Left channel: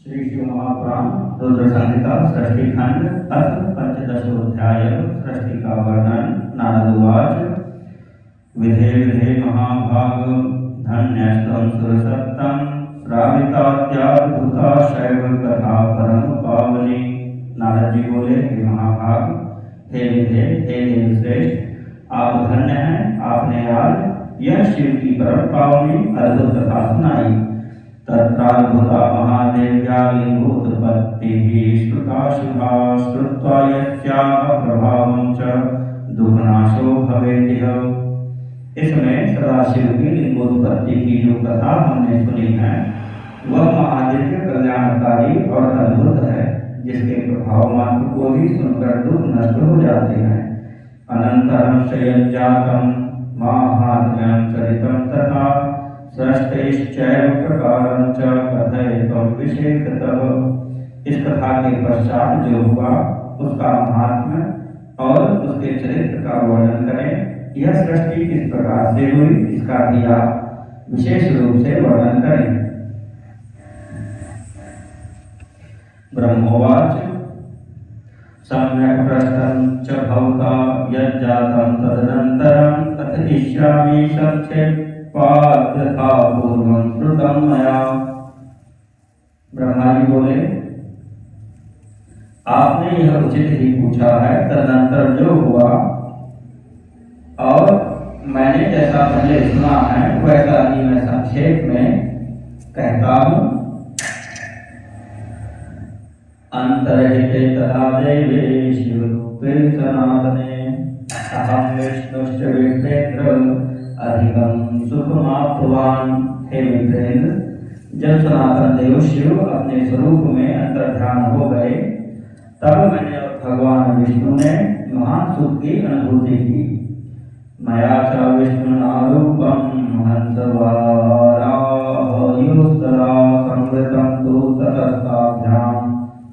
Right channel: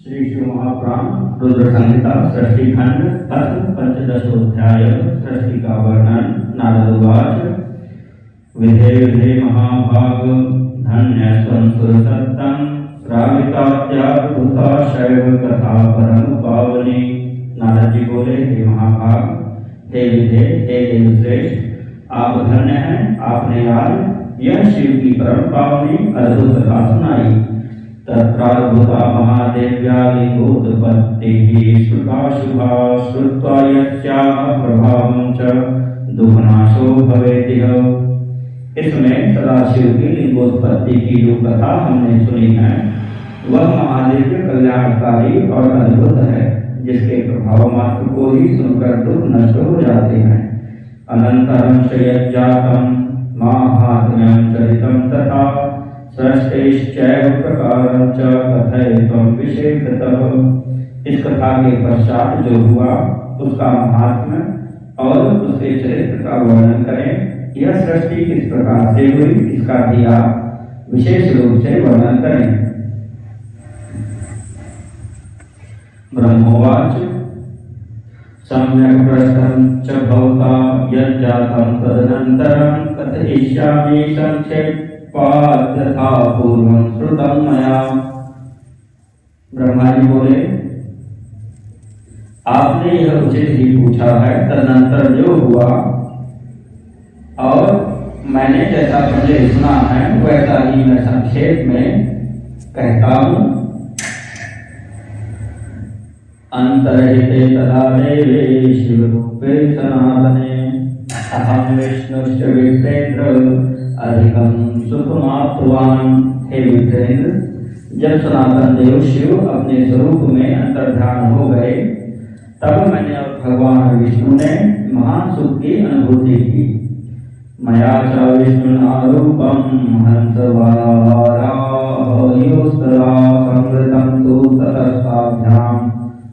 श्री शिव महापुराण रुद्र संहिता सृष्टि खंड अथ पंचदशोध्याय सृष्टि का वर्णन। नारद उवाच विधे विधे महाभाग धन्यस्त्वं सुरसत्तं श्राविताद्याद्भुता शैव कथा परम पावनी। नारद जी बोले, हे महाभाग, हे विधे, हे देवश्रेष्ठ, आप धन्य हैं। आपने आज यह शिव की परम पावनी अद्भुत कथा सुनाई। तत्राद्भुता महादेव्या लिंगोत्पत्तिः श्रुता शुभा श्रुत्वा यस्याः प्रभावं च दुःखनाशो भवेतिह। इसमें सदाशिव की लिंगोत्पत्ति की जो कथा हमने सुनी है वह महादिव्य कल्याणकारी और अद्भुत है, जिसके प्रभाव मात्र को ही सुनकर दुख नष्ट हो जाते हैं। अनंतरं शयज्जातं माहात्म्यं चरितं तथा सृष्टिश्चैव प्रकारं च कथयितुं विशेषतः। इस कथा के पश्चात जो हुआ उसका महात्म्य और उसके चरित्र का वर्णन करें। यह सृष्टि किस प्रकार से हुई इसका भी आप विशेष रूप से वर्णन करें। ब्रह्मोवाच सम्यक् पृष्टं च भवता यज्जातं तदनन्तरं कथयिष्यामि संक्षेपात् यथा पूर्वं श्रुतं मया। ब्रह्मा जी बोले, आपने यह उचित ही पूछा है। तदनंतर जो हुआ और मैंने जैसा पहले सुना है वैसा ही मैं संक्षेप में कहता हूँ। अंतर्हिते तदा देवे शिवरूपे सनातने अहं विष्णुश्च विप्रेन्द्र अधिकं सुखमाप्तवान्। हे विप्रेन्द्र, जब सनातन देव शिव अपने स्वरूप में अंतर्ध्यान हो गए तब मैंने भगवान विष्णु ने महान सुख की अनुभूति की। मया च विष्णुनारूपं हंसवारायोस्तदा संवृतं तु ततस्ताभ्यां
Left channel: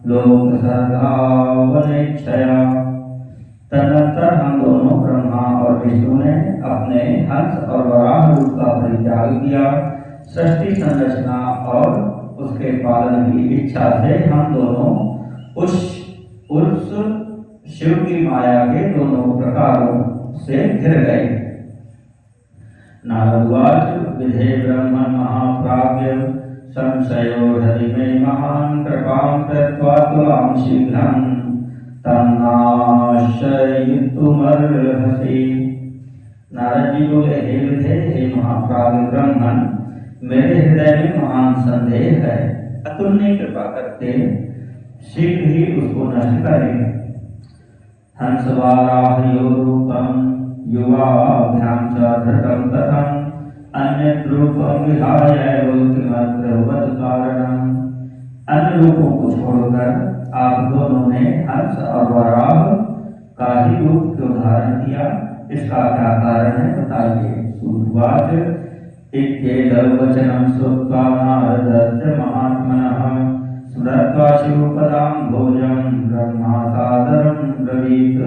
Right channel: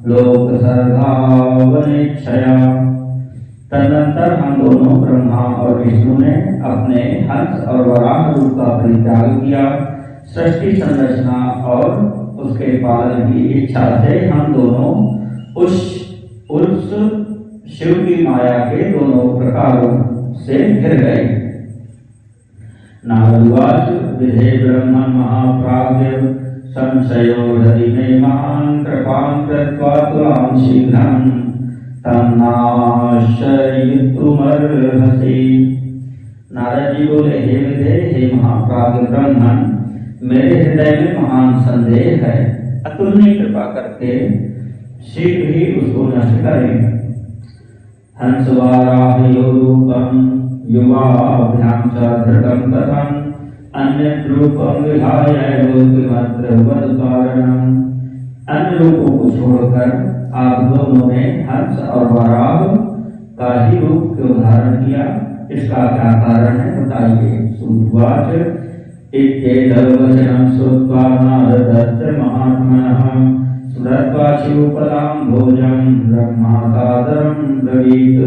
लोकसर्गावनेच्छया। तदनंतर हम दोनों ब्रह्मा और विष्णु ने अपने हंस और वराह रूप का परित्याग किया। सृष्टि संरचना और उसके पालन की इच्छा से हम दोनों उस शिव की माया के दोनों प्रकारों से घिर गए। नारदवाच विधे ब्रह्मन् महाप्राज्ञ संशयो हृदि मे महान् कृपां कृत्वा तुलां शीघ्रं तन्नाशयितुमर्हसि। नारद जी बोले, हे विधे, हे महाप्राज्ञ ब्रह्मन्, मेरे हृदय में महान संदेह है। अतुलनीय कृपा करके शीघ्र ही उसको नष्ट करें। हंसवाराहयोरूपं युवाभ्यां च धृतं कथं अन्यत् रूपं विहाय किमत्र वदकारणम्। अन्य रूपों को छोड़कर आप दोनों ने हंस और वराह का ही रूप क्यों धारण किया, इसका क्या कारण है बताइए। सूतवाच इत्येतद्वचनं श्रुत्वा नारदस्य महात्मनः स्मृत्वा शिवपदां भोजं ब्रह्मा सादरं ब्रवीत।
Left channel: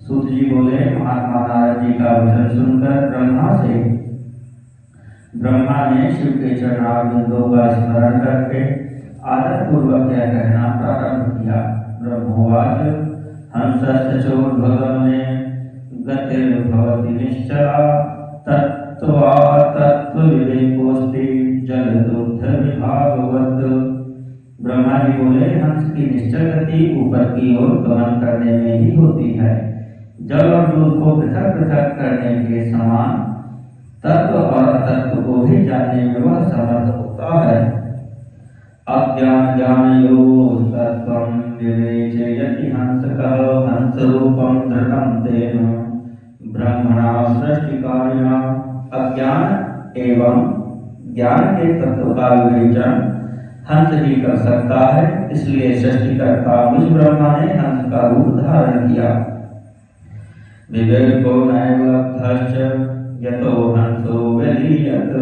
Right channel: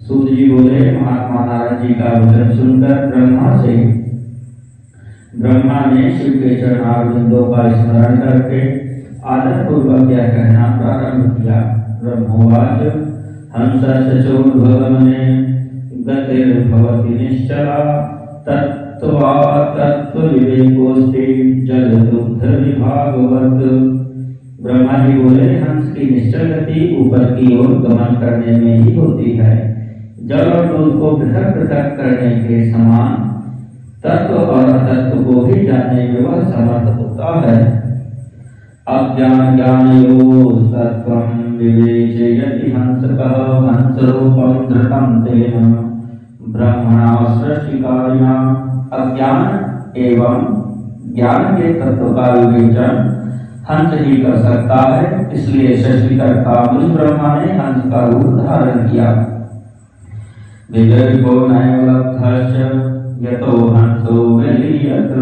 सूत जी बोले, महात्मा नारद जी का वचन सुनकर ब्रह्मा ने शिव के चरणारविंदों का स्मरण करके आदर पूर्वक यह कहना प्रारंभ किया। ब्रह्मोवाच हंसस्य चोर्ध्वगमने गतिर्भवति निश्चला तत्त्वा तत्त्वविवेकोऽस्ति जलदुग्धविभागवत्। ब्रह्मा जी बोले, हंस की निश्चल गति ऊपर की ओर गमन करने में ही होती है। जल और दूध को पृथक पृथक करने के समान तत्व और अतत्व को भी जानने में वह समर्थ होता है। अज्ञान ज्ञानयोः सत्त्वं विवेचयति हंसकः हंसरूपं धृतं तेन ब्रह्मणा सृष्टिकारिणा। अज्ञान एवं ज्ञान के तत्व का विवेचन हंस ही कर सकता है, इसलिए सृष्टिकर्ता मुझ ब्रह्मा ने हंस का रूप धारण किया। विवेको नैव लब्धश्च यतो हंसो विलीयत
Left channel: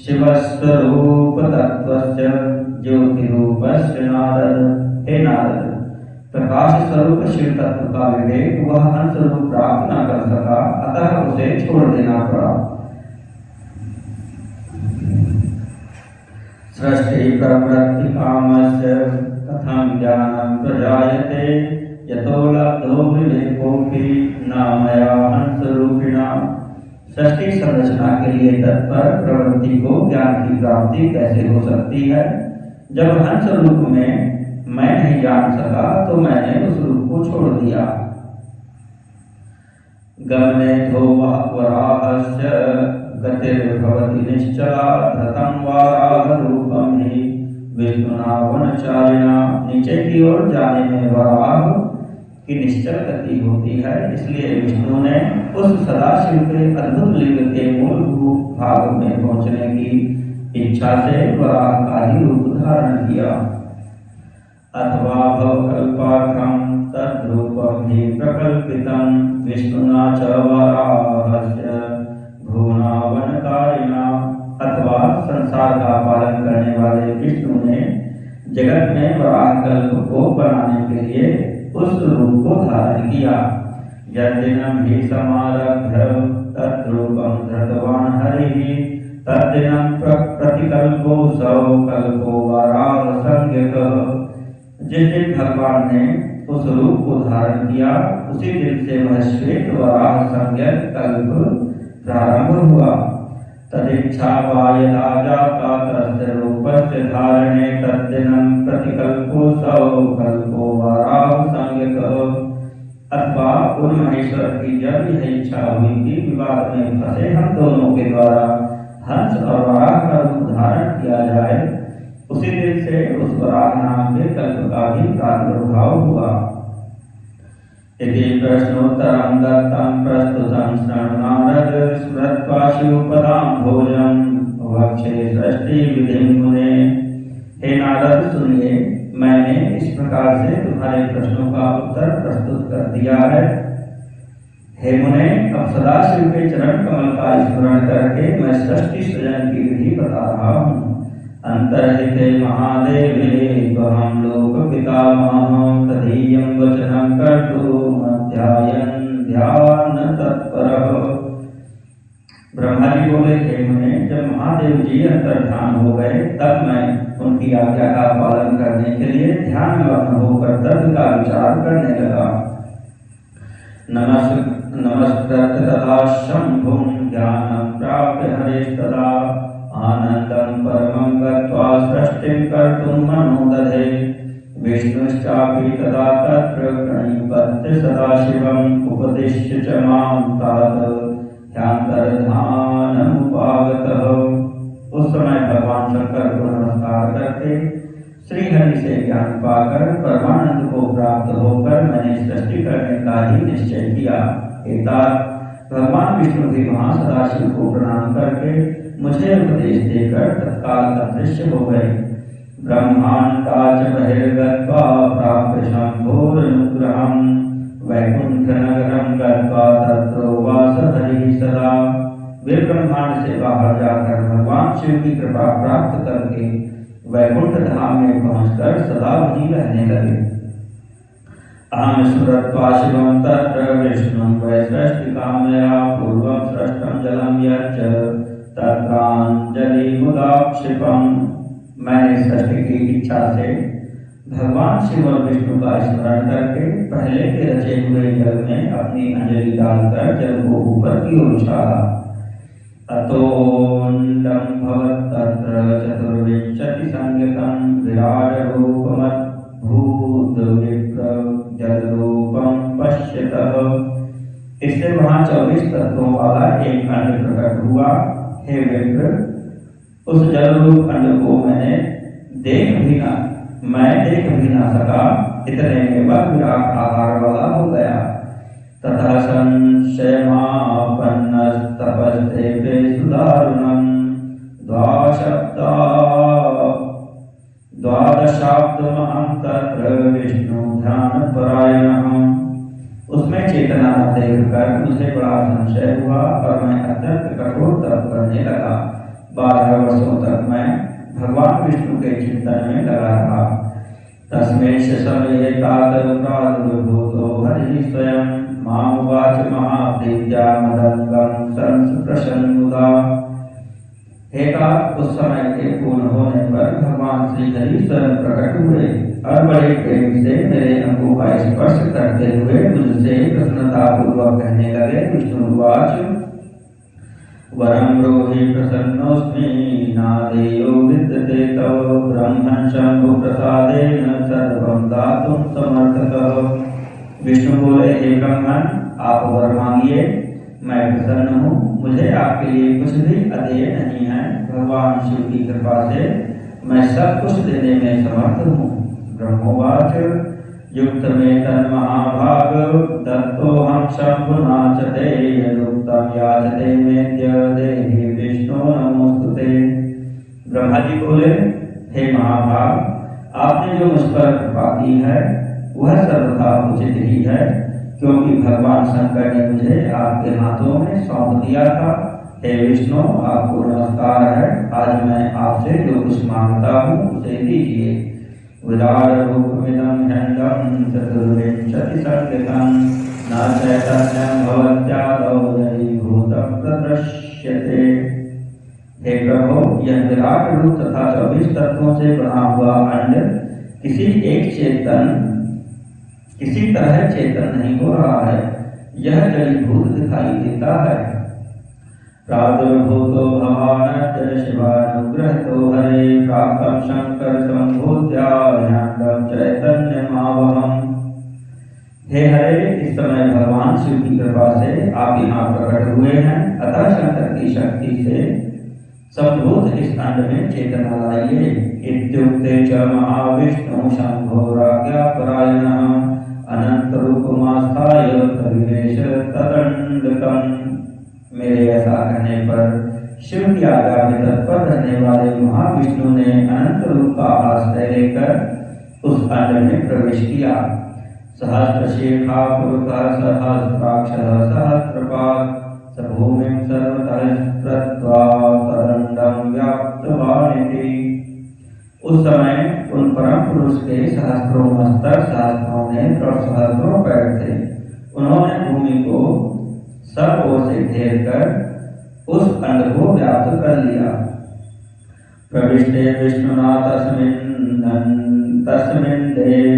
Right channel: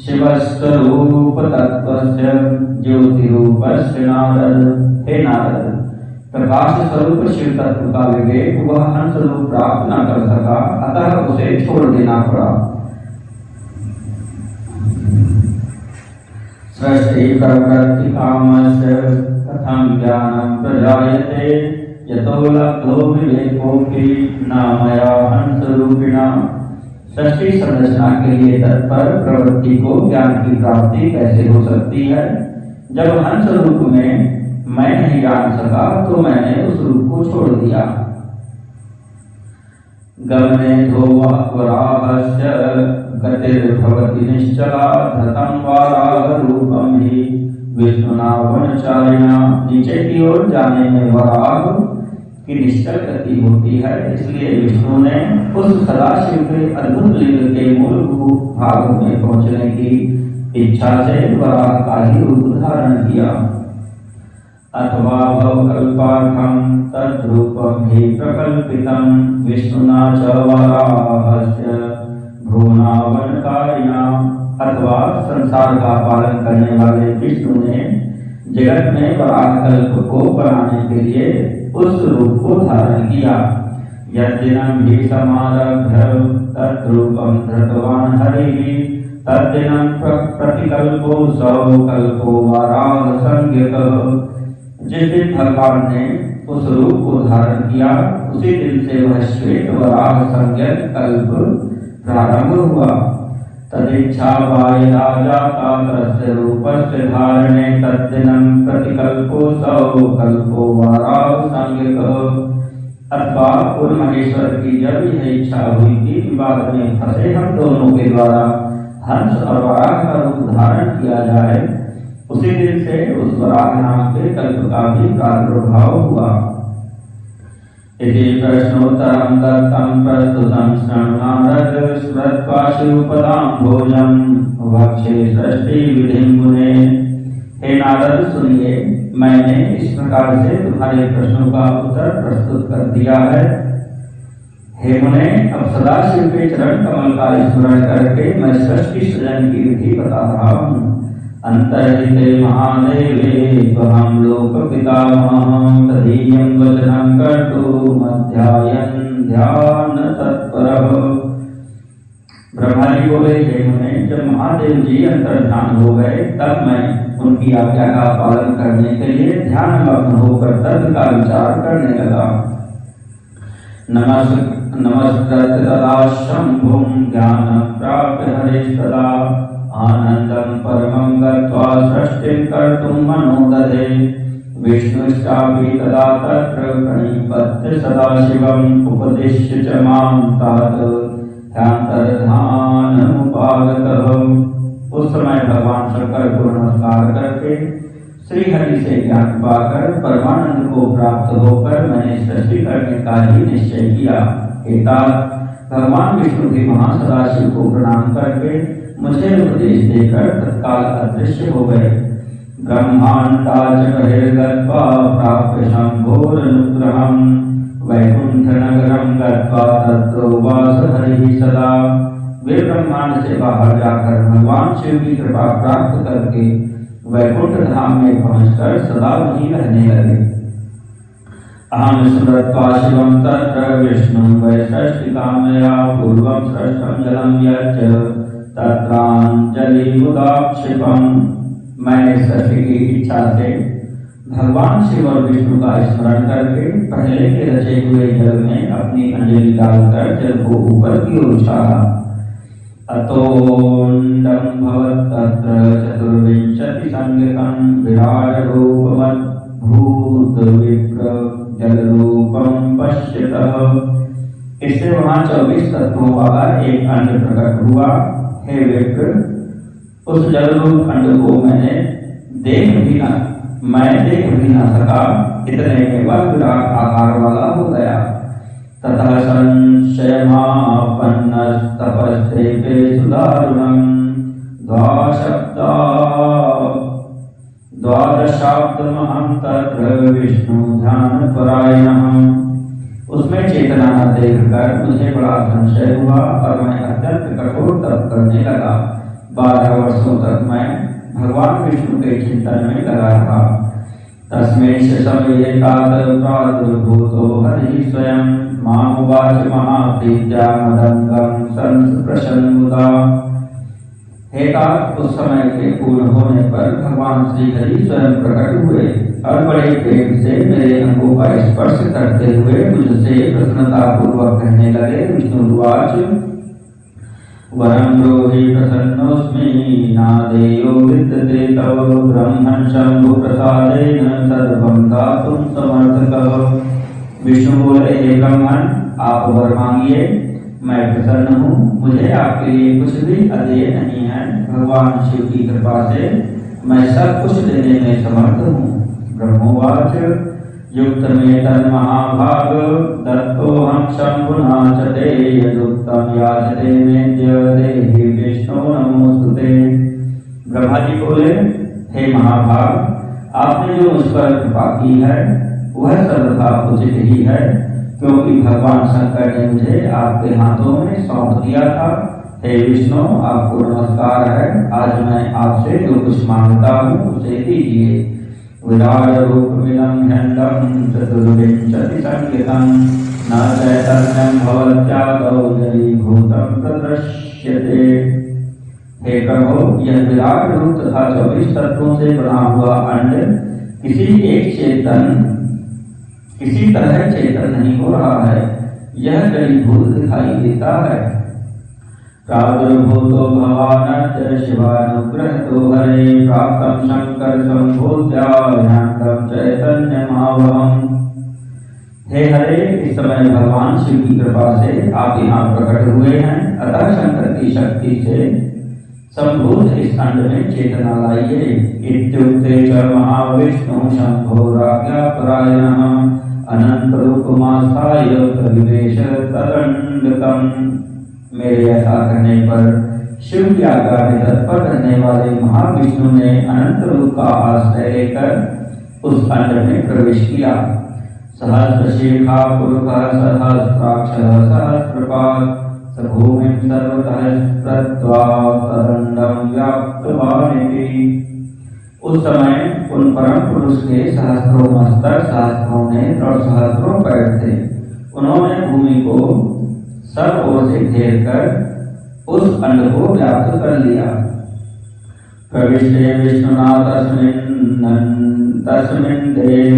शिवस्वरूप तत्त्वस्य ज्योतिरूपस्य नारद। हे नारद, प्रकाश स्वरूप शिव तत्व का विवेक वह हंस रूप प्राप्त न कर सका, अतः उसे छोड़ देना पड़ा। सृष्टि प्रवृत्ति कामस्य कथं ज्ञानं प्रजायते यतो लब्धो विवेकोऽपि न मया हंसरूपिणा। सृष्टि संरचना के लिए तत्पर प्रवृत्ति को ज्ञान की प्राप्ति कैसे हो सकती है? जब हंस रूप में मैं नहीं जान सका तो मैंने उस रूप को छोड़ दिया। गमने धोवराहस्य गतिर्भवति निश्चला धृतं वाराह रूपं हि विष्णुना वनचारिणा। नीचे की ओर जाने में वराह की निश्चल गति होती है, इसलिए विष्णु ने उस सदाशिव के अद्भुत लिंग के मूल भाग में पहुंचने की इच्छा से वराह का ही रूप धारण किया। अथवा भवकल्पार्थं तद्रूपं हि प्रकल्पितं विष्णुना च वराहस्य भुवनावनकारिणा। अथवा संसार का पालन करने वाले विष्णु ने जगत में वराह कल्प को बनाने के लिए उस रूप को धारण किया। यद्दिनं हि समारभ्य तद्रूपं धृतवान् हरिः तद्दिनं प्रतिकल्पो सौ कल्पो वराह संज्ञकः। जिस दिन भगवान ने उस रूप को धारण किया उसी दिन से वह श्वेत वराह संज्ञक कल्प प्रारंभ हुआ। तदिच्छा यदा जाता तस्य रूपस्य धारणे तद्दिनं प्रतिकल्पो सौ कल्पो वराह संज्ञकः। अथवा उन महेश्वर की जब यह इच्छा हुई कि विवाद में फंसे हम दोनों के द्वारा हंस और वराह का रूप धारण किया जाए उसी दिन से उस वराह नाम के कल्प का भी प्रादुर्भाव हुआ। इति प्रश्नोत्तरं दत्तं प्रस्तुतं शृण्वारद विस्मृत्वा शिवपदां भोजं वक्षे सृष्टि विधिं मुने। हे नारद सुनिए, मैंने इस प्रकार से तुम्हारे प्रश्नों का उत्तर प्रस्तुत कर दिया है। हे मुने, अब सदाशिव के चरण कमल का स्मरण करके मैं सृष्टि सृजन की विधि बता रहा हूँ। अंतर्हिते महादेवे त्वं लोकपितामहं तदीयं वचनं कर्तुमध्यायन् ध्यान तत्परः। ब्रह्मा जी बोले, हे मुने, जब महादेव जी अंतर्ध्यान हो गए तब मैं उनकी आज्ञा का पालन करने के लिए ध्यान मग्न होकर तर्क का विचार करने लगा। नमस्कृत तदा शंभुं ज्ञानं प्राप्य हरेस्तदा आनंदं परमं गत्वा सृष्टिं कर्तुं मनो दधे। विष्णुश्चापि तदा तत्र प्रणिपत्य सदाशिवम् उपदिश्य च मां तात ह्यन्तर्धानमुपागतः। उस समय भगवान शंकर को नमस्कार करके श्रीहरि से ज्ञान पाकर परमानंद को प्राप्त होकर मैंने सृष्टि करने का ही निश्चय किया। भगवान विष्णु भी महासदाशिव को प्रणाम करके मुझे उपदेश देकर तत्काल अदृश्य हो गए। ब्रह्मांडाच बहिर्गत्वा प्राप्य शंभोरनुग्रहं वैकुंठ नगरं गत्वा तत्रोवास हरिः सदा। वे ब्रह्मांड से बाहर जाकर भगवान शिव की कृपा प्राप्त करके वैकुंठ धाम में पहुंचकर सदा वहीं रहने लगे। अहं स्मृत्वा शिवं तत्र विष्णुं वै सृष्टिकामया पूर्वं सृष्टं जलं यच्च तत्राञ्जलिमुदाक्षिपं। मैंने सृष्टि की इच्छा से भगवान शिव और विष्णु का स्मरण करके पहले के रचे हुए जल में अपनी अंजलि डालकर जल को ऊपर की ओर उछाला। अतोऽण्डं भवत्तत्र चतुर्विंशति संज्ञकं विराट रूपमद्भुत विप्र जलरूपं पश्यतः। इससे वहां 24 तत्वों वाला एक अंड प्रकट हुआ। हे विप्र, उस जलरूप अंड को मैं देख भी न सका, इतने में वह विराट आकार वाला हो गया। तथा संशयमापन्नस्तपस्ते सुदारुणं द्वादशाब्दमहं तत्र विष्णु ध्यानपरायणः। उसमें चेतना न देखकर मुझे बड़ा संशय हुआ और मैं अत्यंत कठोर तप करने लगा। 12 वर्षों तक मैं भगवान विष्णु के चिंतन में लगा रहा। तस्मैष समये तात प्रादुर्भूतो हरिः स्वयं मामुवाच महाप्रीत्या मदङ्गं संस्पृशन्मुदा। हे तात, उस समय के पूर्ण होने पर भगवान श्री हरि स्वयं प्रकट हुए और बड़े प्रेम से मेरे अंगों का स्पर्श करते हुए मुझसे प्रसन्नता पूर्वक कहने लगे। विष्णुवाच वरं ब्रूहि प्रसन्नोऽस्मि नादेयो विद्यते तव ब्रह्मन् शंभु प्रसादेन सर्वं दातुं समर्थकः। विष्णु बोले, हे ब्रह्मन, आप वर मांगिए, मैं प्रसन्न हूँ, मुझे आपके लिए कुछ भी अदेय नहीं है। भगवान शिव की कृपा से मैं सब कुछ देने में समर्थ हूँ। ब्रह्मोवाच युक्त में तन्महाभाग दत्तोऽहं शंभुना च ते यदुक्तं याचते मेद्य देहि विष्णु नमोस्तुते। ब्रह्मा जी बोले, हे महाभाग, आपने जो मुझ पर कृपा की है वह सर्वथा उचित ही है, क्योंकि भगवान शंकर ने मुझे आपके हाथों में सौंप दिया था। हे विष्णु, आपको नमस्कार है। आज मैं आपसे जो कुछ मांगता हूँ उसे दीजिए। विराट रूपमिदं ह्यंडं चतुर्विंशति संज्ञकं न चैतन्यं भवत्यादौ जलीभूतं तद्दृश्यते। हे प्रभु, यह विराट रूप तथा 24 तत्वों से बना हुआ अंड किसी तरह चेतन नहीं हो रहा है, यह जलीभूत दिखाई देता है। प्रादुर्भूतो भवानस्य शिवानुग्रहतो हरे प्राप्तं शंकर संभूत्याह्यान्तं चैतन्यमावहम्। हे हरे, इस समय भगवान शिव की कृपा से आप यहाँ प्रकट हुए हैं, अतः शंकर की शक्ति से संभूत इस अंड में चेतना लाइए। इत्युक्ते च महाविष्णु शंभो राज्ञापरायणः अनंत रूपमास्थाय प्रविवेश तदंडकम्। मेरे ऐसा कहने पर शिव की आज्ञा में तत्पर रहने वाले महाविष्णु ने अनंत रूप का आश्रय लेकर उस अंड में प्रवेश किया। सहस्रशीर्षा पुरुषः सहस्राक्षः सहस्रपाद भूमिं सर्वतः स्पृष्ट्वा तदंडं व्याप्तवानिति। उस समय उन परम पुरुष के सहस्त्रों मस्तक, सहस्त्रों नेत्र और सहस्त्रों पैर थे। उन्होंने भूमि को सब ओर से घेर कर उस अंड को व्याप्त कर लिया। प्रविष्टे विष्णुना तस्मिन् देहे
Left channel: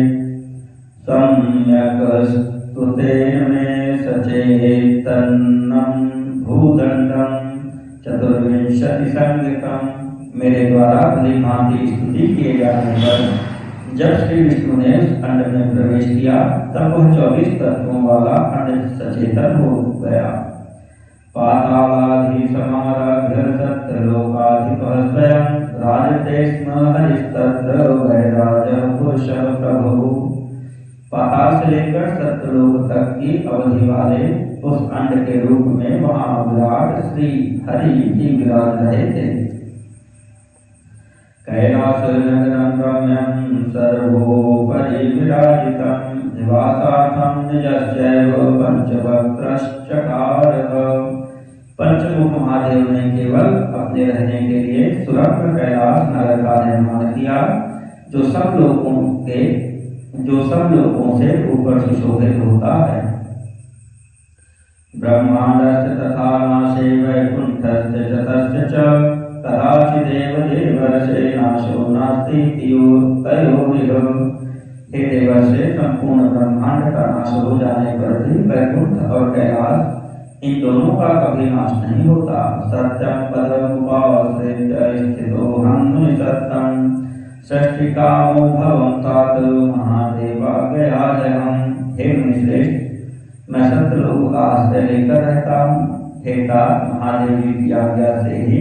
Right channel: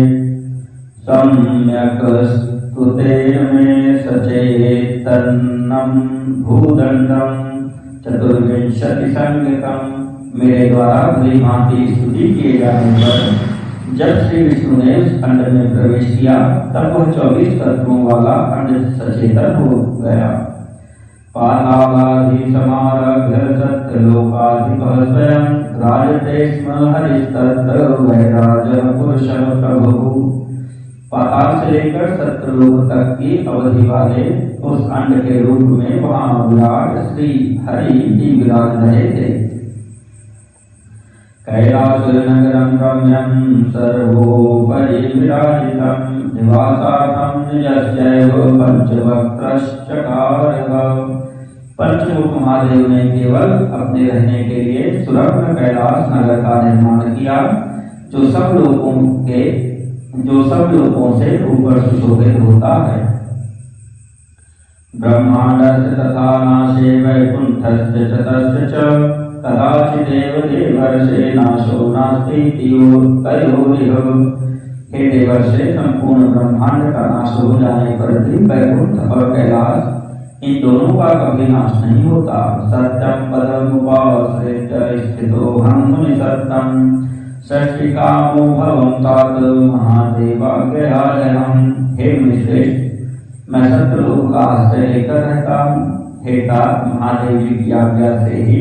सम्यक् स्तुते मे सचेतनं भूदंडं चतुर्विंशति संज्ञकम्। मेरे द्वारा भली भांति स्तुति किए जाने पर जब श्री विष्णु ने उस अंड में प्रवेश किया तब वह 24 तत्वों वाला अंड सचेतन हो गया। पातालाधि समारभ्य सत्यलोकाधिपः स्वयं राजते स्म हरिस्तत्र वैराजः पुरुषः प्रभुः। पाताल से लेकर सत्यलोक तक की अवधि वाले उस अंड के रूप में वहां विराट श्री हरि जी विराज रहे थे। कैलासनगरं रम्यं सर्वोपरि विराजितं निवासार्थं निजस्यैव पंचवक्त्रश्चकारः। पंचमुख महादेव ने केवल अपने रहने के लिए सुरम्य कैलाश नगर का निर्माण किया, जो सब लोगों से ऊपर सुशोभित होता है। ब्रह्मांडस्य तथा नाशे वैकुंठस्य च तस्य च कदाचिदेव देवर्षे नाशो नास्ति तयोरिह। हे देवर्षे, संपूर्ण ब्रह्मांड का नाश हो जाने पर भी वैकुंठ और कैलाश इन दोनों का कभी नाश नहीं होता। सत्यं पदमुपाश्रित्य स्थितोऽहं मुनिसत्तं षष्टिकामो भवं तात महादेवाग्रहायहम्। हे मुनिश्रेष्ठ, मैं सत्यलोक का आश्रय लेकर रहता हूँ। हे तात, महादेव जी की आज्ञा से ही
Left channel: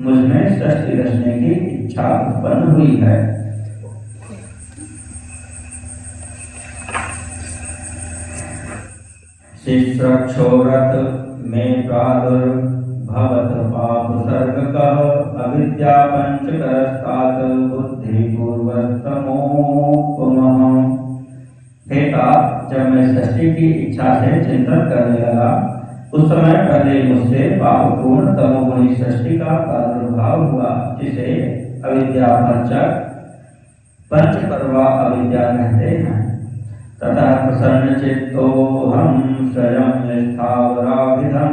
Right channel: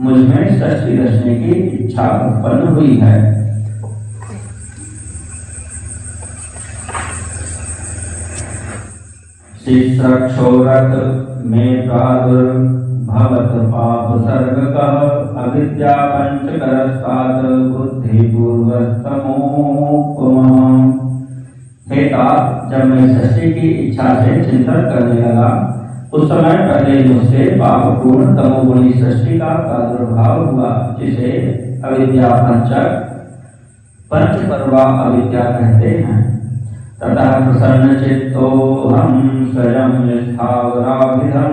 मुझ में सृष्टि रचने की इच्छा उत्पन्न हुई है। शिश्रक्षोरथ में प्रादुर्भवत पाप सर्गकः अविद्या पंचकरस्तात् बुद्धिपूर्वस्तमोपमा। हे तात, जब मैं सृष्टि की इच्छा से चिंतन करने लगा उस समय पहले मुझसे पापपूर्ण तमोगुणी सृष्टि का प्रादुर्भाव हुआ, जिसे अविद्या पंचपर्वा अविद्या कहते हैं। तथा प्रसन्न चित्तोऽहं स्वयं स्थावराभिधं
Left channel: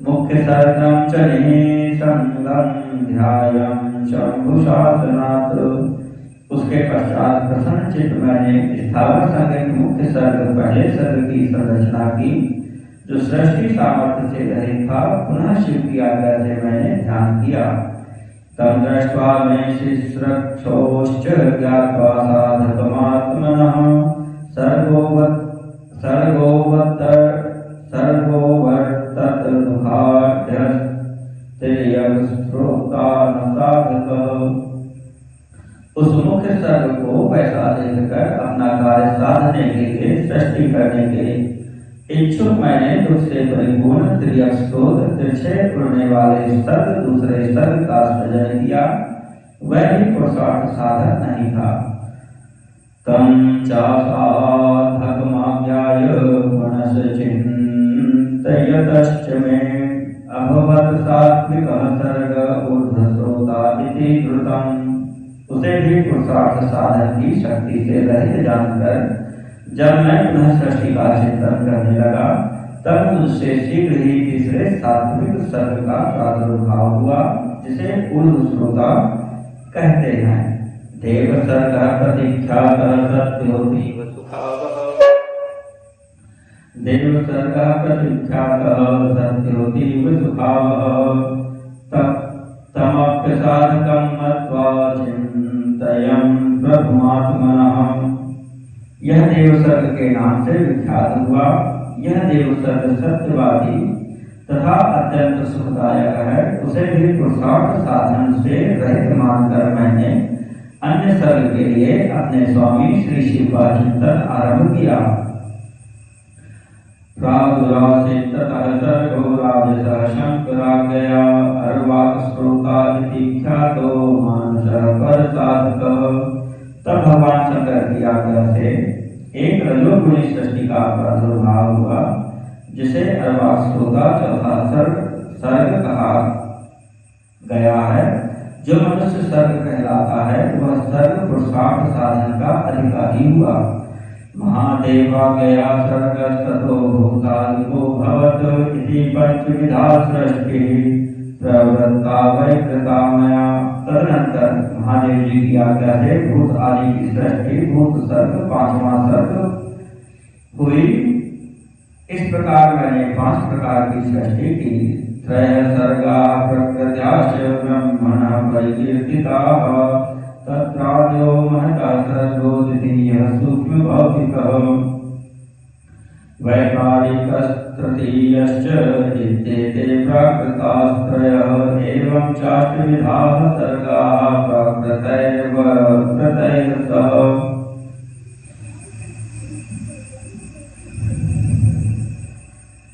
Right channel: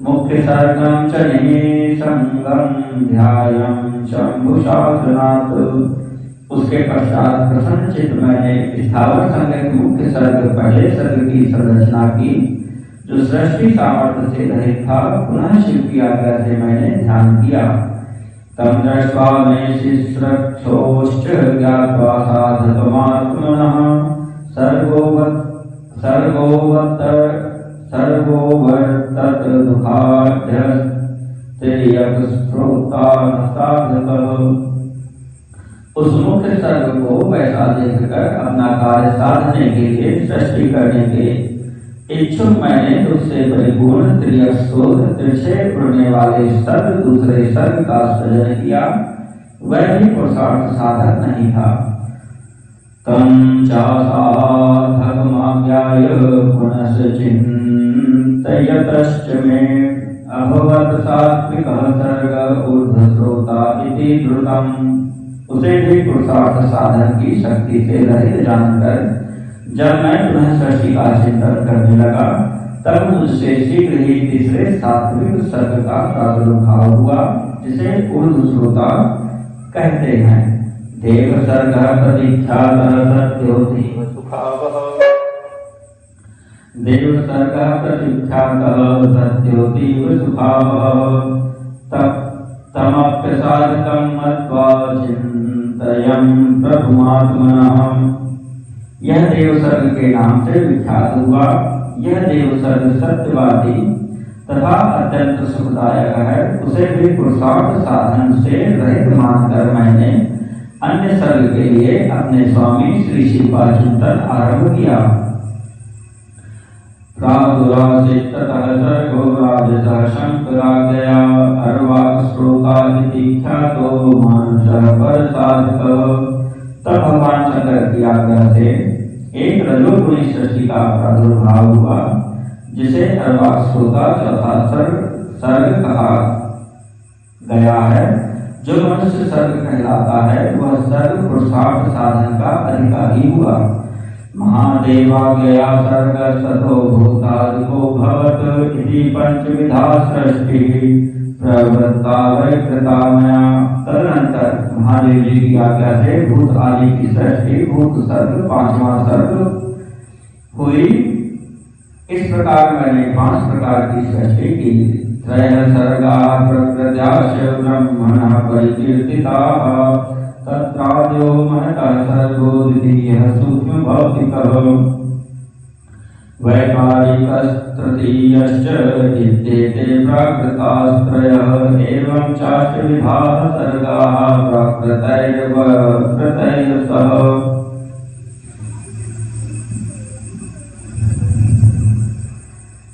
मुख्य सर्गम च निमिषंगम ध्यायं शंभुशासनात्। उसके पश्चात प्रसन्न चित्त मैंने स्थावर संग मुख्य सर्ग पहले सर्ग की संरचना की, जो सृष्टि सामर्थ्य से रहित था। पुनः शिव की आज्ञा से मैंने ध्यान किया। तम दृष्ट्वा मे शिश्रक्षोश्च ज्ञात्वा साधकमात्मनः सर्वोवर्तत दुःखाढ्यस्त्रियगस्त्रोतानसाधकः। उस मुख्य सर्ग को वैसा देखकर अपना कार्य साधने के लिए, सृष्टि करने के इच्छुक मैंने उससे परिपूर्ण त्रियक स्रोत तिरछे उड़ने वाले सर्ग दूसरे सर्ग का सृजन किया। वह भी पुरुषार्थ साधक नहीं था। तम चासाधकमाज्ञाय पुनश्चिन्तयतश्च मे अभवत् सात्विकः सर्ग ऊर्ध्वश्रोता इति द्रुतम्। उसे भी पुरुषार्थ साधन की शक्ति से रहित जानकर जब मैं पुनः सृष्टि का चिंतन करने लगा, तब मुझसे शीघ्र ही तीसरे सात्विक सर्ग का प्रादुर्भाव हुआ, जिसे ऊर्ध्वश्रोता कहते हैं। देव सर्ग प्रतीख्यात सत्योतीव सुखावह। देव सर्ग प्रतीख्यात सत्योतीव सुखावह। तमप्यसाधकं मत्वा चिन्तयं प्रभुमात्मनः। यह देव सर्ग के नाम से विख्यात हुआ। यह देव सर्ग सत्यवादी तथा अत्यंत सुखदायक है। उसे भी पुरुषार्थ साधन से रहित मानकर मैंने अन्य सर्ग के लिए अपने स्वामी श्री शिव का चिंतन आरंभ किया। प्रागुरासिततः सर्गो राजसः शंकराज्ञया अर्वाक श्रोतादिति ख्यातो मानुषः परसाधकः। तब भगवान शंकर की आज्ञा से एक रजोगुणी सृष्टि का प्रादुर्भाव हुआ, जिसे अर्वाक श्रोता चौथा सर्ग कहा गया है। जो मनुष्य सर्ग कहलाता है, वह सर्ग पुरुषार्थ साधन का अधिकारी हुआ। महादेवा गया सर्ग सतो भूतादिको भवत इति पंचविधा सृष्टि प्रवृत्ता वैकृता मया। तदनंतर महादेव जी की आज्ञा से भूत आदि की सृष्टि, भूत सर्ग, पांचवा सर्ग हुई। इस प्रकार मैंने 5 प्रकार की सृष्टि की। त्रय सर्गा प्रकृत्याश्च ब्रह्मणः परिकीर्तिताः तत्रादयो महतः सर्गो द्वितीयः सूक्ष्म भौतिकः वैकारिकस्तृतीयश्च इत्येते प्राकृतास्त्रयः। एवं चाष्टविधाः सर्गाः प्राकृतैर्सह।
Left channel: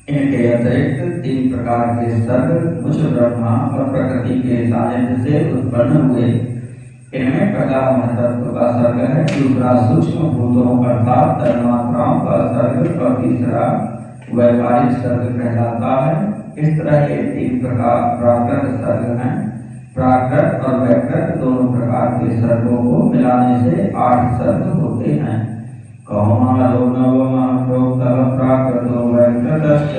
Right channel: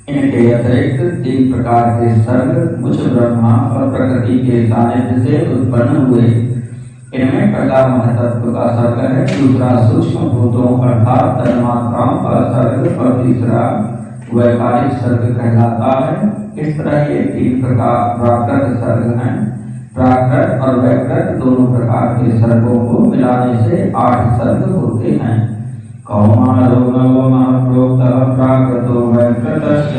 इनके अतिरिक्त 3 प्रकार के सर्ग मुझ ब्रह्मा और प्रकृति के सानिध्य से उत्पन्न हुए। इनमें पहला महतत्व का सर्ग है, दूसरा सूक्ष्म भूतों अर्थात तन्मात्राओं का सर्ग और तीसरा वैकारिक सर्ग कहलाता है। इस तरह के 3 प्रकार प्राकृत सर्ग हैं। प्राकृत और वैकृत दोनों प्रकार के सर्गों को मिलाने से 8 सर्ग होते हैं। कौमारो नवमः प्रोक्तः प्राकृतो वैकृतश्च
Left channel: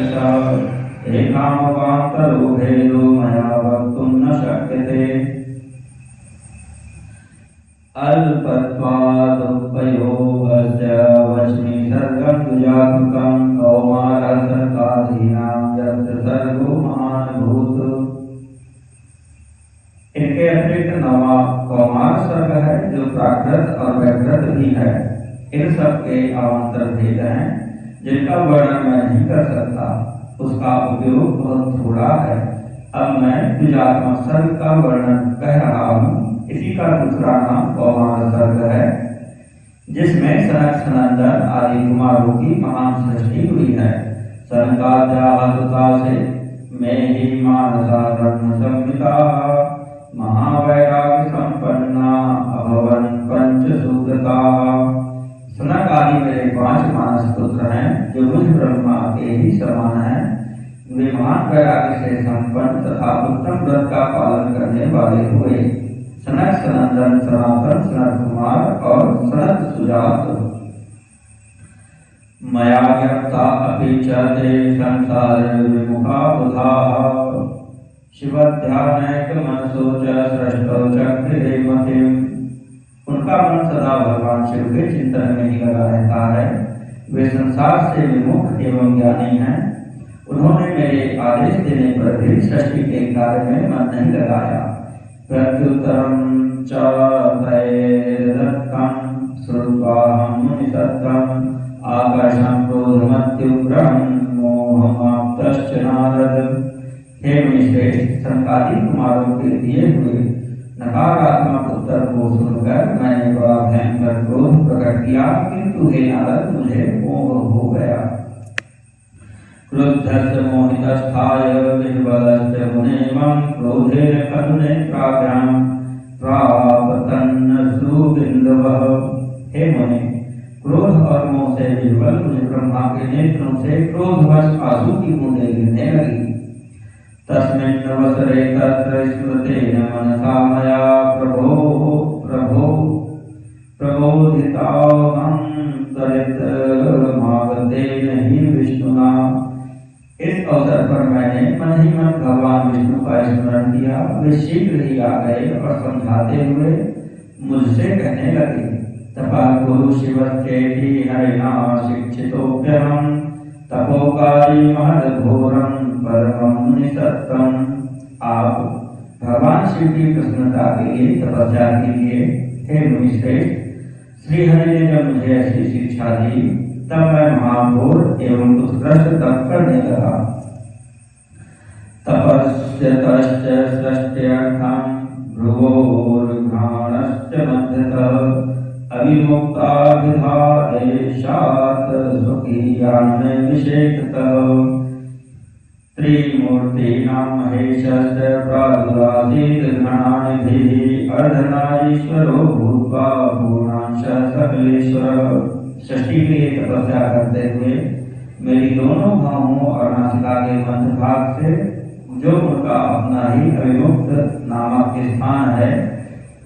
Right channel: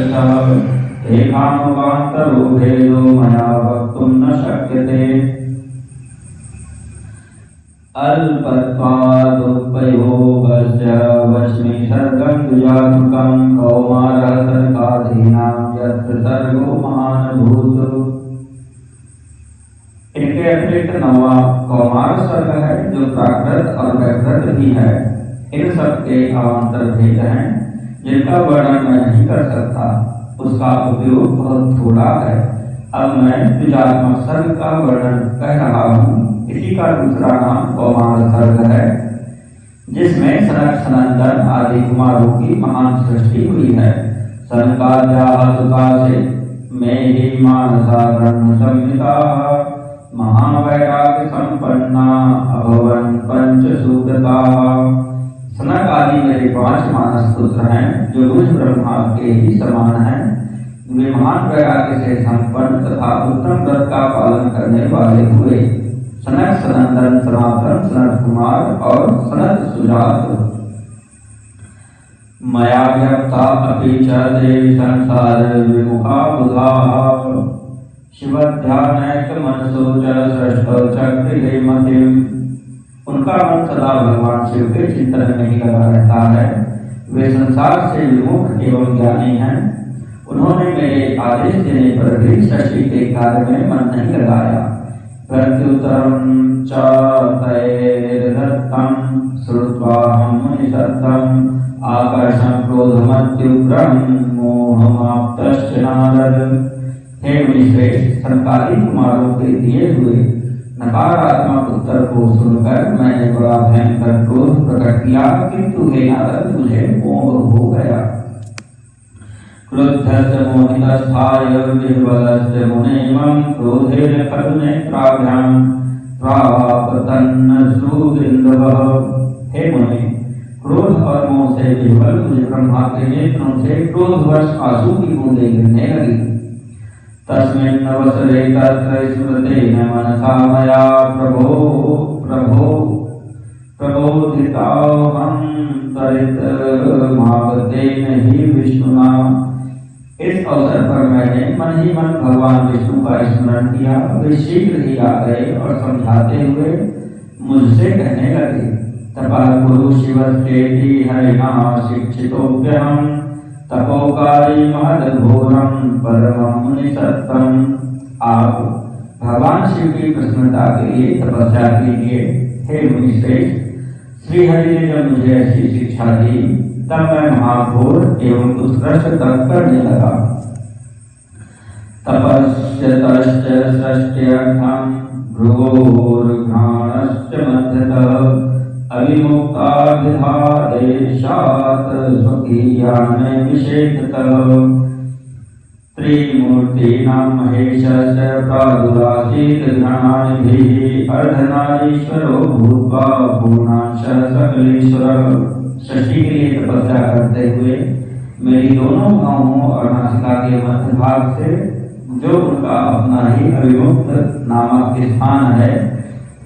एकानुगान्तरो भेदो मया वक्तुं न शक्यते। अल्पत्वादुपयोगश्च वच्मि सर्गं द्विजात्मकं कौमारः सर्गाधीनां यत्र सर्गो महानभूत्। इनके अतिरिक्त 9वां कौमार सर्ग है, जो प्राकृत और वैकृत भी है। इन सब के अवान्तर भेद हैं, जिनका वर्णन मैं नहीं कर सकता। उसका उपयोग बहुत थोड़ा है। अब मैं द्विजात्मक सर्ग का वर्णन कह रहा हूँ। इसी का दूसरा नाम कौमार सर्ग है, जिसमें सनक सनंदन आदि कुमारों की महान सृष्टि हुई है। सनकाद्याः सुतासे में ही मानसा ब्रह्म संहिताः महावैराग्य संपन्ना अभवन् पंचसूत्रताः। सनक आदि मेरे 5 मानस पुत्र हैं, जो मुझ ब्रह्मा के ही समान हैं। वे महान वैराग्य से संपन्न तथा उत्तम व्रत का पालन करने वाले हुए। सनक सनंदन, सनातन, सनत कुमार और सनत सुजात। मया ज्ञप्ता अपि च ते संसार विमुखा बुधाः शिवध्यानैकमनसो च सृष्टचक्रे मतिम्। उनका मन सदा भगवान शिव के चिंतन में ही लगा रहता है। वे संसार से विमुख एवं ज्ञानी हैं। उन्होंने मेरे आदेश देने पर भी सृष्टि के कार्य में मन नहीं लगाया। प्रत्युत्तरं च तैर्दत्तं श्रुत्वाहं मुनिसत्तं आकर्षं क्रोधमत्युग्रं मोहमाप्तश्च नारद। हे मुनिश्रेष्ठ, संकाली कुमारों के दिए हुए नकारात्मक उत्तर को सुनकर मैंने बड़ा भयंकर क्रोध प्रकट किया, किंतु हे नारद, मुझे मोह हो गया। क्रुद्धस्य मोहितस्थाय निर्बलस्य मुनेयं क्रोधेन खलुनेत्राभ्यां प्रापतन्नश्रुबिन्दवः। हे मुने, क्रोध और मोह से विह्वल मुझे ब्रह्मा के नेत्रों से क्रोधवश आंसू की बूंदें गिरने लगी। तस्मिन्नवसरे तत्र स्मृतेन मनसा मया प्रबोधिताहं त्वरितमागतेन हि विष्णुना। इस अवसर पर मैंने मन ही मन भगवान विष्णु का स्मरण किया। वे शीघ्र ही आ गए और समझाते हुए मुझसे कहने लगे, तपः कुरु शिवस्येति हरिणा शिक्षितोऽप्यहं तपोकारी महद्घोरं परमं मुनिसत्तं। आप भगवान शिव की प्रसन्नता के लिए तपस्या कीजिए। हे मुनिश्रेष्ठ, श्री हरि ने जब मुझे ऐसी शिक्षा दी तब मैं महाघोर एवं उत्कृष्ट तप करने लगा। तपस्यतश्च सृष्ट्यर्थं भ्रुवोर्घ्राणश्च मध्यतः अविमुक्ताभिधादेशात् स्वकीयान् विशेषतः। त्रिमूर्तीनां महेशस्य प्रादुरासीत् गणानिधिः अर्धनारीश्वरो भूत्वा पूर्णांश सकलेश्वरः। सृष्टि के लिए तपस्या करते हुए मेरी दोनों भौहों और नासिका के मध्य भाग से जो उनका अपना ही अविमुक्त नामक स्थान है,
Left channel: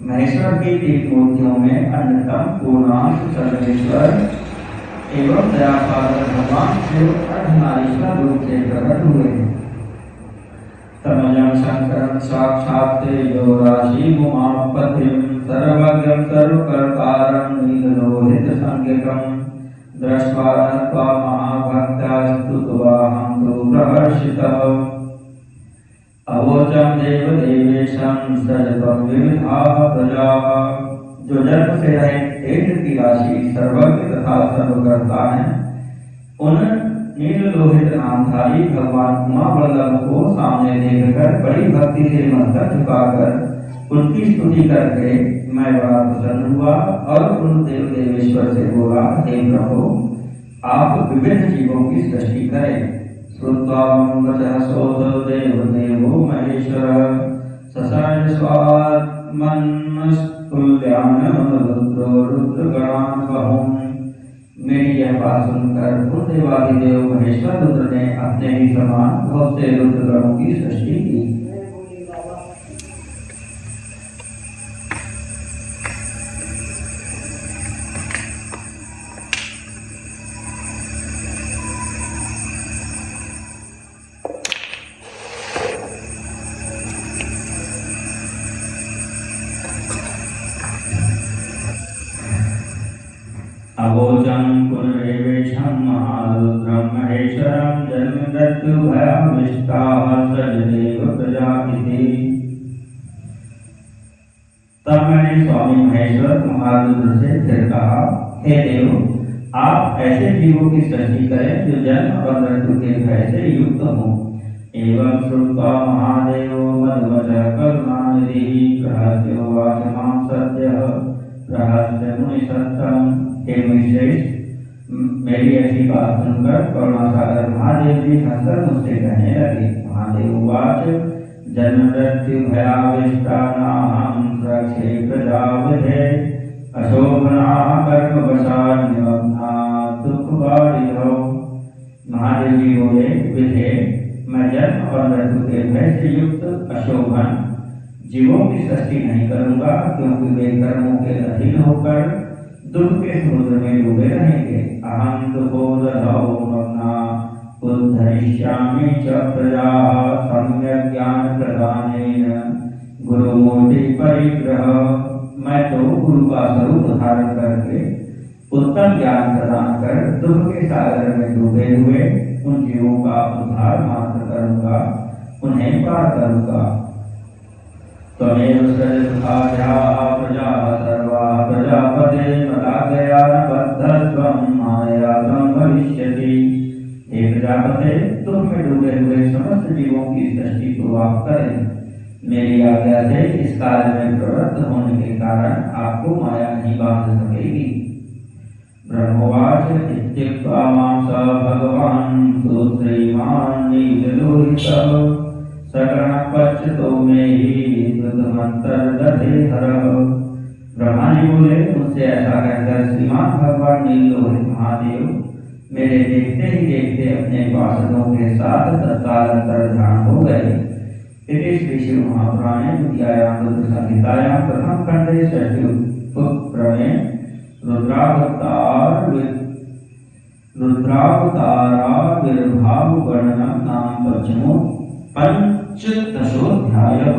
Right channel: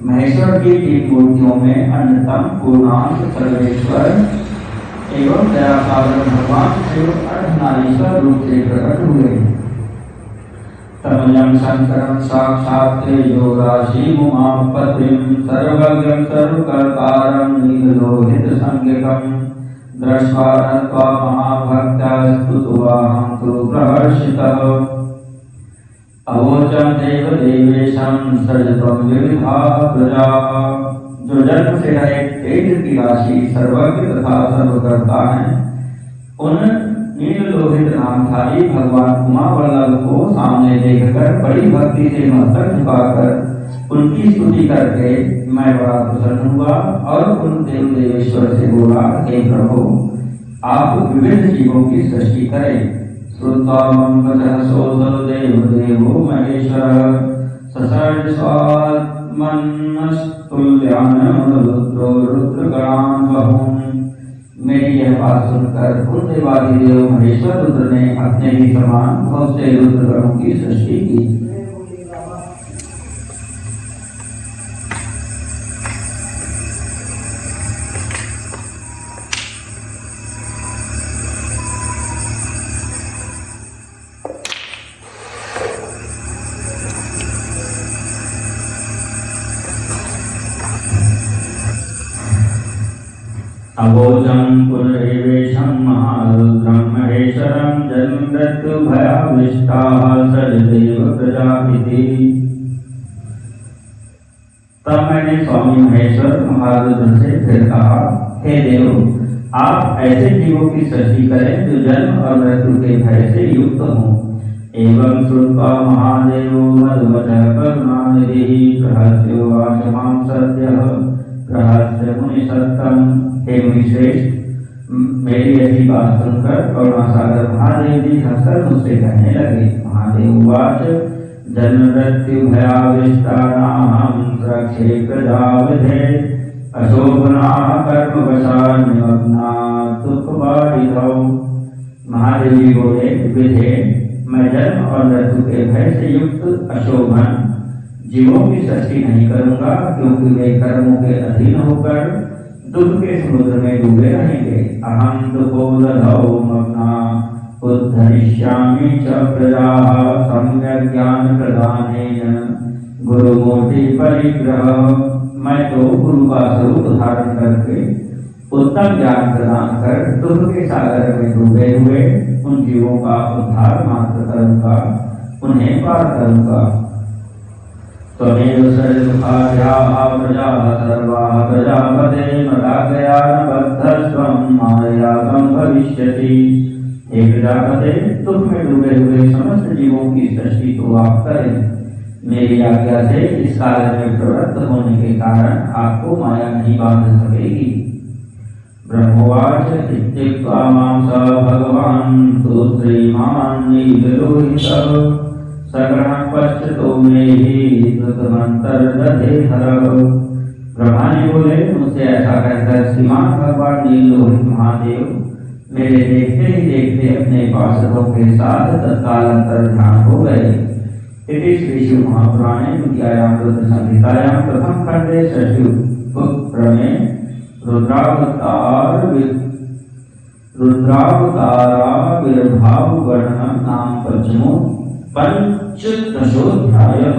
महेश्वर की तीन मूर्तियों में अन्यतम पूर्णांश सर्वेश्वर एवं दया सागर भगवान शिव अर्धनारीश्वर रूप से प्रकट हुए। तमयं शंकरं साक्षात् तेजो राशि उमापतिं सर्वज्ञं सर्वकर्तारं नीललोहितसंज्ञकं दृष्ट्वा नत्वा महाभक्त्या स्तुत्वाहं तु प्रहर्षितः। अवोचं देव देवेशं सृजतं विविधाः प्रजाः। जो जन्म से रहित तेज की राशि सर्वज्ञ तथा सर्वकर्ता हैं, उन नील लोहित नामधारी भगवान उमा वल्लभ को सामने देखकर बड़ी भक्ति से मस्तक झुकाकर उनकी स्तुति करके मैं बड़ा प्रसन्न हुआ और उन देव देवेश्वर से बोला, हे प्रभु, आप विभिन्न जीवों की सृष्टि करें। श्रुत्वा मम वचः सोऽथ देव देवो महेश्वरः ससर्ज स्वात्मन्नस्तुल्यान् रुद्रो रुद्रगणान् बहून्। मेरी यह बात सुनकर उन देवादिदेव महेश्वर रुद्र ने अपने ही समान बहुत से रुद्रगणों की सृष्टि की। अवोचं पुनरेवेशं महारुद्रं महेश्वरं जन्ममृत्युभयाविष्टाः सजदेव प्रजापिति। तब मैंने स्वामी महेश्वर महारुद्र से फिर कहा, हे देव, आप ऐसे जीवों की सृष्टि करें जो जन्म और मृत्यु के भय से युक्त हों। एवं श्रुत्वा महादेवो मद्वचः करुणानिधिः रहस्योवाच मां सद्यः रहस्य मुनिसत्तं। हे मुनिश्रेष्ठ, मेरी ऐसी बात सुनकर करुणासागर महादेव जी हंसकर मुझसे कहने लगे। महादेव उवाच जन्म मृत्यु भयाविष्टानाहं रक्षे प्रजाविधे अशोभनाः कर्मवशात् निमग्नाः दुःखबाधितौ। महादेव जी बोले, विधे, मैं जन्म और मृत्यु के भय से युक्त अशोभन जीवों की सृष्टि नहीं करूंगा, क्योंकि वे कर्मों के अधीन होकर दुख के समुद्र में डूबे रहेंगे। अहम दुखोदधौ मग्ना उद्धरिष्यामि च प्रजा सम्यक् ज्ञान प्रदानेन गुरुमूर्ति परिग्रह। मैं तो गुरु का स्वरूप धारण करके उत्तम ज्ञान प्रदान कर दुख के सागर में डूबे हुए उन जीवों का उद्धार मात्र करूंगा, उन्हें पार करूंगा। त्वमेव सर्वभाव्या प्रजा सर्वा प्रजापते मदाग्रया बद्धस्वं माया संभविष्यति। हे प्रजापते, दुख में डूबे हुए समस्त जीवों की सृष्टि तो आप करें। मेरी आज्ञा से इस काल में प्रवृत्त होने के कारण आपको माया नहीं बांध सकेगी। ब्रह्मवाच इत्युक्त्वा मां स भगवान् सुश्रीमान् नीललोहितः सकलं पश्यतो मे हि कृतमन्तर्दधेहरः। ब्रह्मा जी बोले, मुझसे ऐसा कहकर श्रीमान भगवान नीललोहित महादेव मेरे देखते ही देखते अपने पार्षदों के साथ तत्काल अंतर्ध्यान हो गए। इति श्री शिव महापुराणे द्वितीयायां रुद्र संहितायां प्रथम खंडे षष्ठ्युपक्रमे रुद्रावताराविर्भाव वर्णनम नाम पंचदशोऽध्यायः।